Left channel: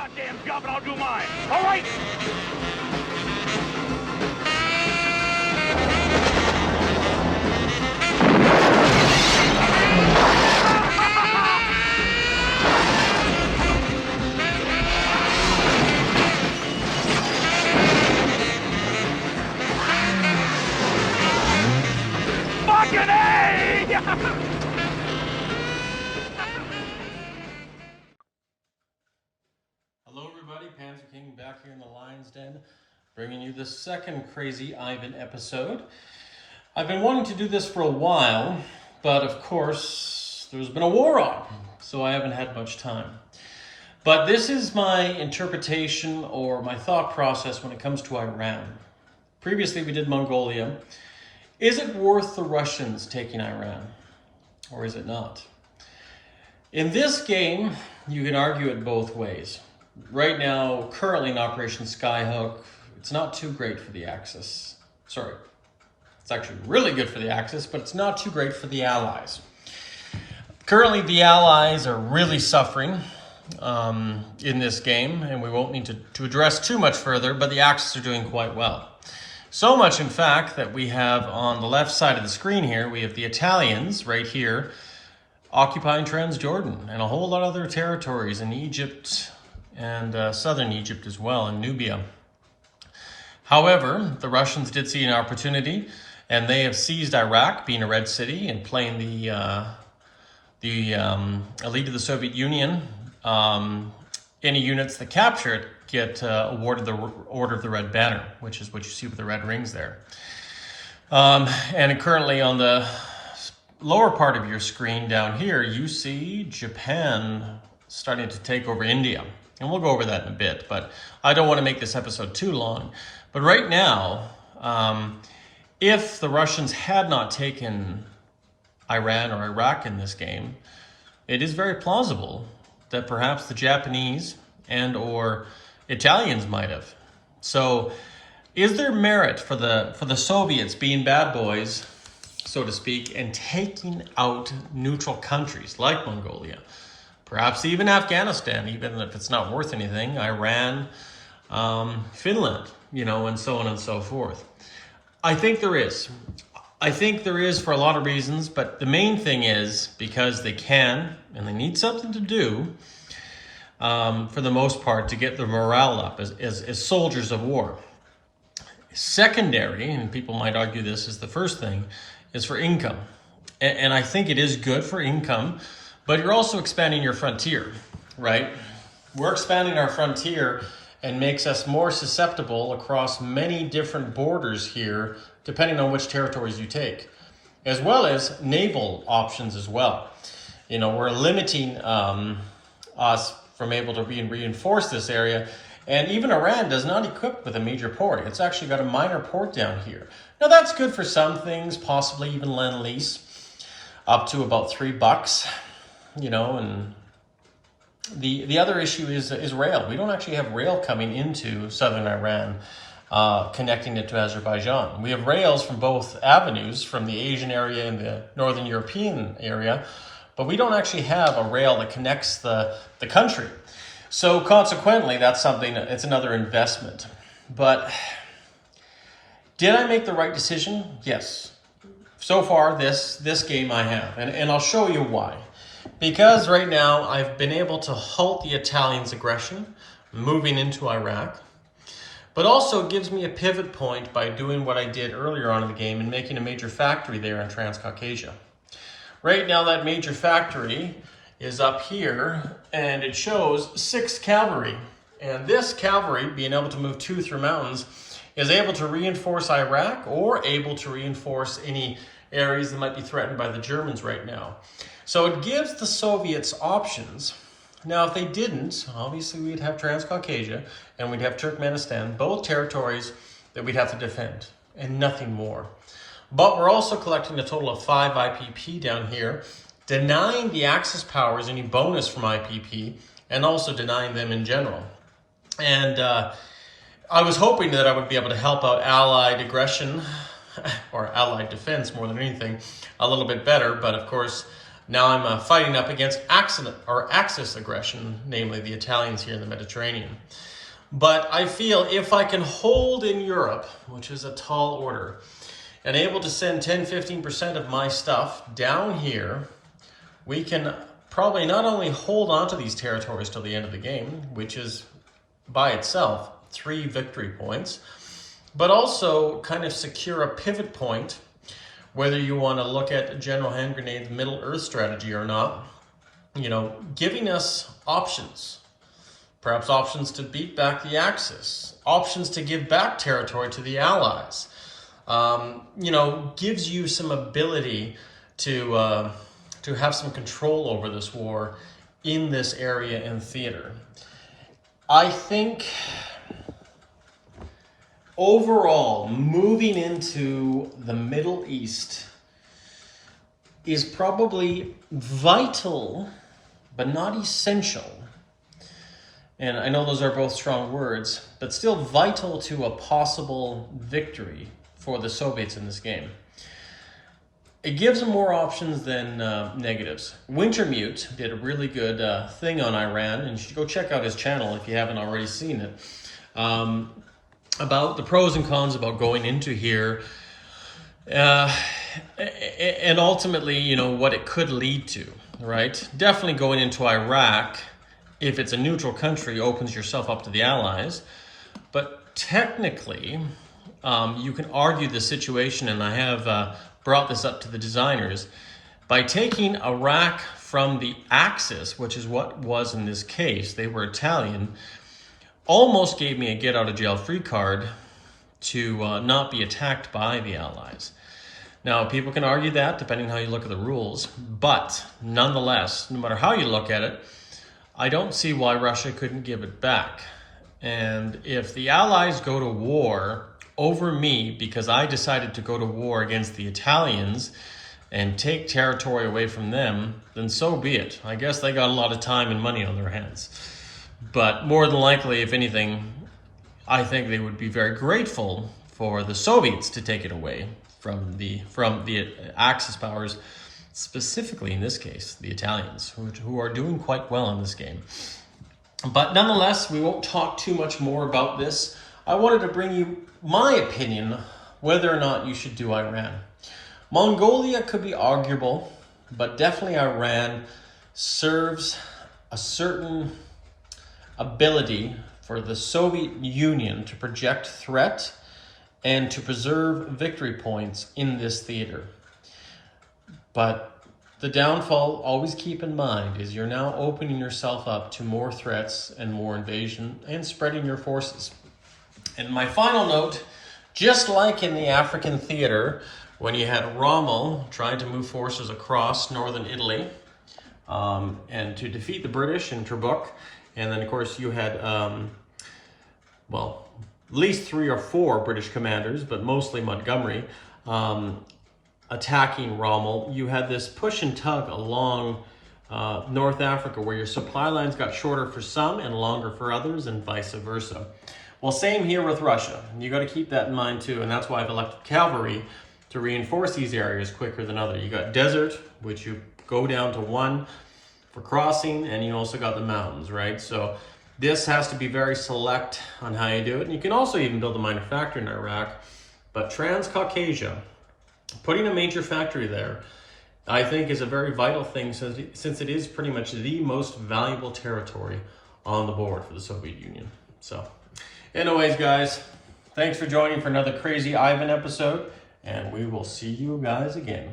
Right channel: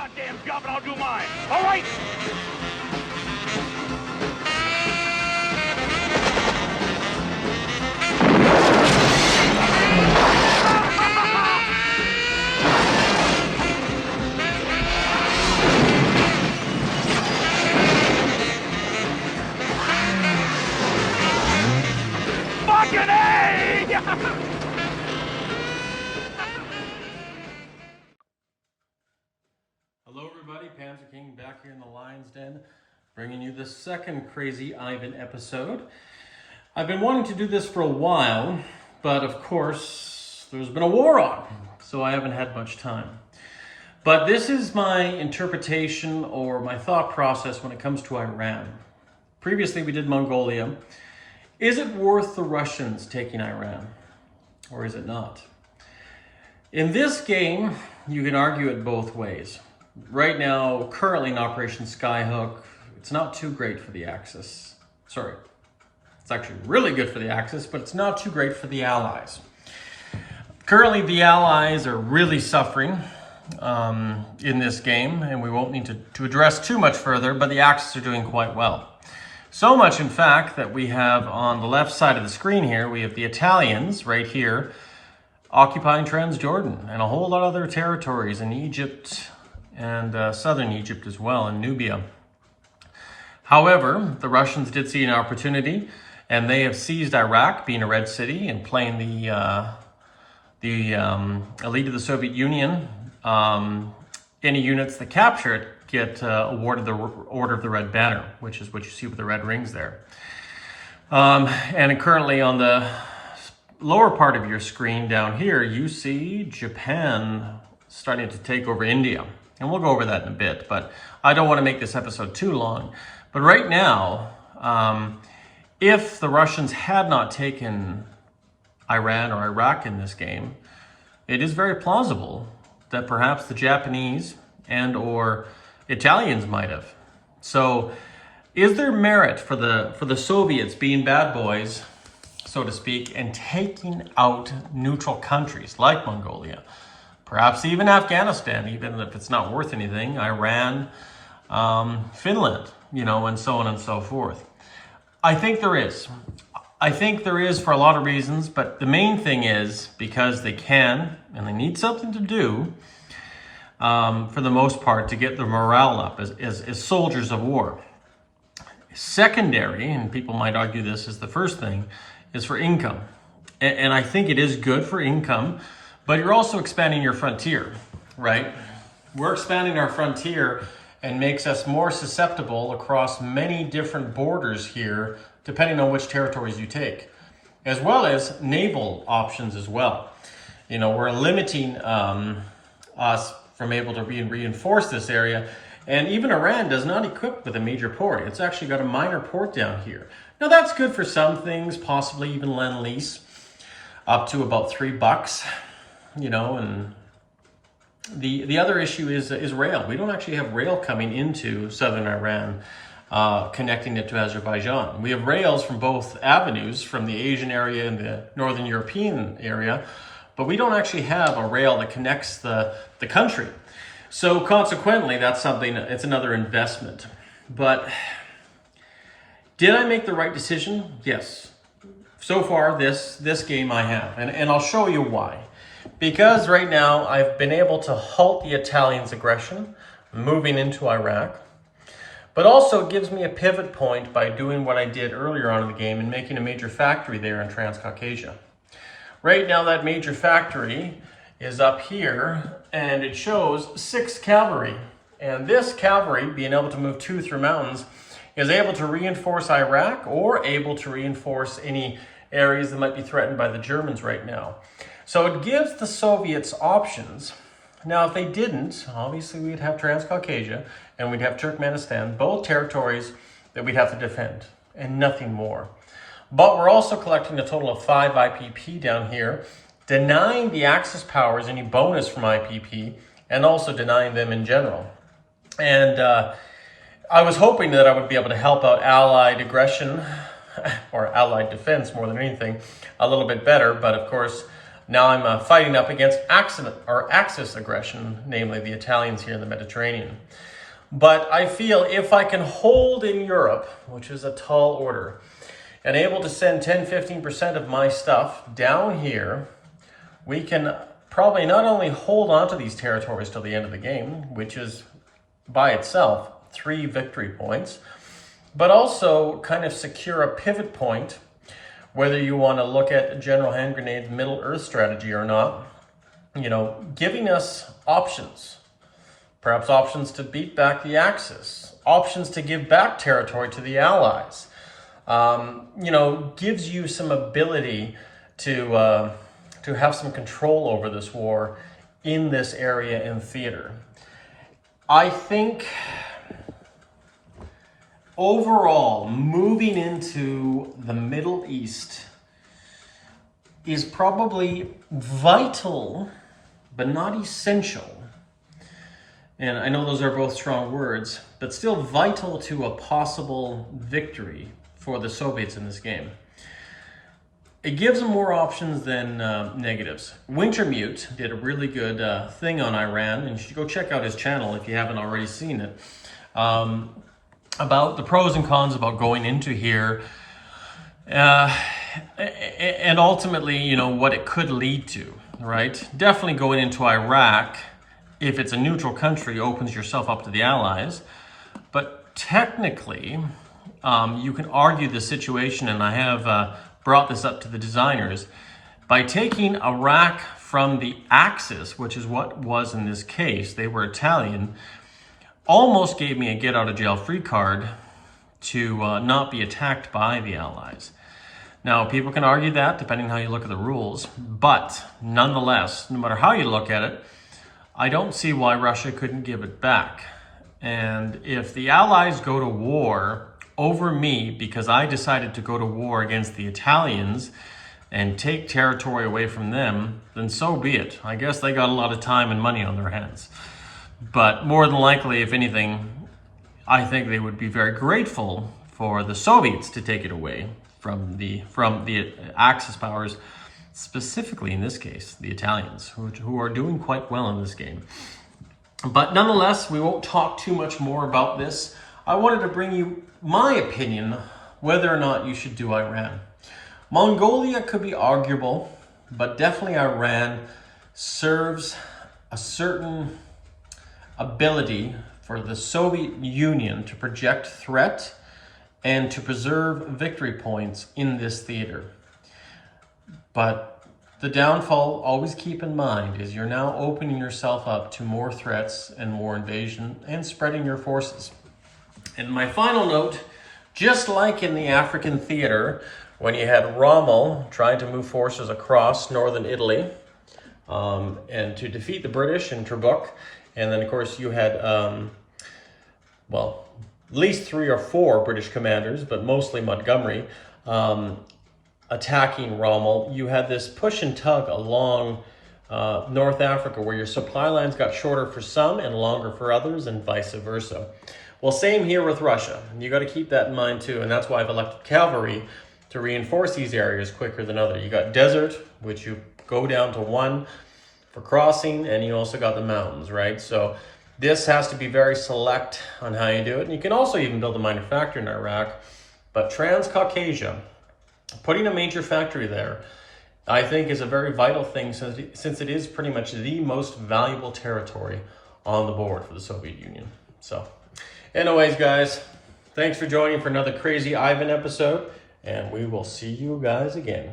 goddamn job and I'll do mine. All right? Fucking A! Hello everybody, Panther King back here in the Lion's Den, bringing you the second Crazy Ivan episode. I've been wanting to do this for a while, but of course there's been a war on, so I haven't had much time. But this is my interpretation or my thought process when it comes to Iran. Previously we did Mongolia. Is it worth the Russians taking Iran, or is it not? In this game, you can argue it both ways. Right now, currently in Operation Skyhook, it's not too great for the Axis. Sorry, it's actually really good for the Axis, but it's not too great for the Allies. Currently, the Allies are really suffering in this game, and we won't need to address too much further, but the Axis are doing quite well. So much, in fact, that we have on the left side of the screen here, we have the Italians right here occupying Transjordan and a whole lot of other territories in Egypt and southern Egypt as well, and Nubia. However, the Russians did see an opportunity, and they have seized Iraq, being a red city, and playing the elite of the Soviet Union. Any units that capture it get awarded the Order of the Red Banner, which is what you see with the red rings there. And currently on the lower part of your screen down here, you see Japan starting to take over India. And we'll go over that in a bit, but I don't want to make this episode too long. But right now, if the Russians had not taken Iran or Iraq in this game, it is very plausible that perhaps the Japanese and or Italians might have. So is there merit for the Soviets being bad boys, so to speak, and taking out neutral countries like Mongolia? Perhaps even Afghanistan, even if it's not worth anything, Iran, Finland, and so on and so forth. I think there is. I think there is for a lot of reasons, but the main thing is because they can, and they need something to do, for the most part, to get their morale up as soldiers of war. Secondary, and people might argue this is the first thing, is for income. And I think it is good for income, but you're also expanding your frontier, right? We're expanding our frontier and makes us more susceptible across many different borders here, depending on which territories you take, as well as naval options as well. We're limiting us from able to reinforce this area. And even Iran does not equip with a major port. It's actually got a minor port down here. Now that's good for some things, possibly even Lend-Lease, up to about $3, and the other issue is rail. We don't actually have rail coming into southern Iran, connecting it to Azerbaijan. We have rails from both avenues, from the Asian area and the Northern European area, but we don't actually have a rail that connects the country. So consequently, that's something, it's another investment. But did I make the right decision? Yes. So far, this game I have, and I'll show you why. Because right now, I've been able to halt the Italians' aggression, moving into Iraq, but also it gives me a pivot point by doing what I did earlier on in the game and making a major factory there in Transcaucasia. Right now, that major factory is up here, and it shows 6 cavalry. And this cavalry, being able to move 2 through mountains, is able to reinforce Iraq or able to reinforce any areas that might be threatened by the Germans right now. So it gives the Soviets options. Now, if they didn't, obviously we'd have Transcaucasia and we'd have Turkmenistan, both territories that we'd have to defend, and nothing more. But we're also collecting a total of 5 IPP down here, denying the Axis powers any bonus from IPP, and also denying them in general. And I was hoping that I would be able to help out Allied aggression, or Allied defense more than anything, a little bit better, but of course, Now I'm fighting up against Axis aggression, namely the Italians here in the Mediterranean. But I feel if I can hold in Europe, which is a tall order, and able to send 10-15% of my stuff down here, we can probably not only hold on to these territories till the end of the game, which is by itself 3 victory points, but also kind of secure a pivot point, whether you want to look at General Hand Grenade's Middle Earth strategy or not, giving us options. Perhaps options to beat back the Axis, options to give back territory to the Allies. Gives you some ability to have some control over this war in this area and theater. I think overall, moving into the Middle East is probably vital, but not essential. And I know those are both strong words, but still vital to a possible victory for the Soviets in this game. It gives them more options than negatives. Wintermute did a really good thing on Iran, and you should go check out his channel if you haven't already seen it, about the pros and cons about going into here, and ultimately, what it could lead to, right? Definitely going into Iraq, if it's a neutral country, opens yourself up to the Allies. But technically, you can argue the situation, and I have brought this up to the designers, by taking Iraq from the Axis, which is what was in this case, they were Italian, almost gave me a get out of jail free card to not be attacked by the Allies. Now, people can argue that depending on how you look at the rules, but nonetheless, no matter how you look at it, I don't see why Russia couldn't give it back. And if the Allies go to war over me because I decided to go to war against the Italians and take territory away from them, then so be it. I guess they got a lot of time and money on their hands. But more than likely, if anything, I think they would be very grateful for the Soviets to take it away from the Axis powers, specifically in this case, the Italians, who are doing quite well in this game. But nonetheless, we won't talk too much more about this. I wanted to bring you my opinion whether or not you should do Iran. Mongolia could be arguable, but definitely Iran serves a certain ability for the Soviet Union to project threat and to preserve victory points in this theater. But the downfall, always keep in mind, is you're now opening yourself up to more threats and more invasion and spreading your forces. And my final note, just like in the African theater, when you had Rommel trying to move forces across northern Italy and to defeat the British in Trebuk, and then of course you had, at least 3 or 4 British commanders, but mostly Montgomery, attacking Rommel. You had this push and tug along North Africa where your supply lines got shorter for some and longer for others, and vice versa. Well, same here with Russia. You got to keep that in mind too, and that's why I've elected cavalry to reinforce these areas quicker than others. You got desert, which you go down to 1 for crossing, and you also got the mountains, right? So this has to be very select on how you do it. And you can also even build a minor factory in Iraq, but Transcaucasia, putting a major factory there, I think is a very vital thing since it is pretty much the most valuable territory on the board for the Soviet Union. So anyways, guys, thanks for joining for another Crazy Ivan episode, and we will see you guys again.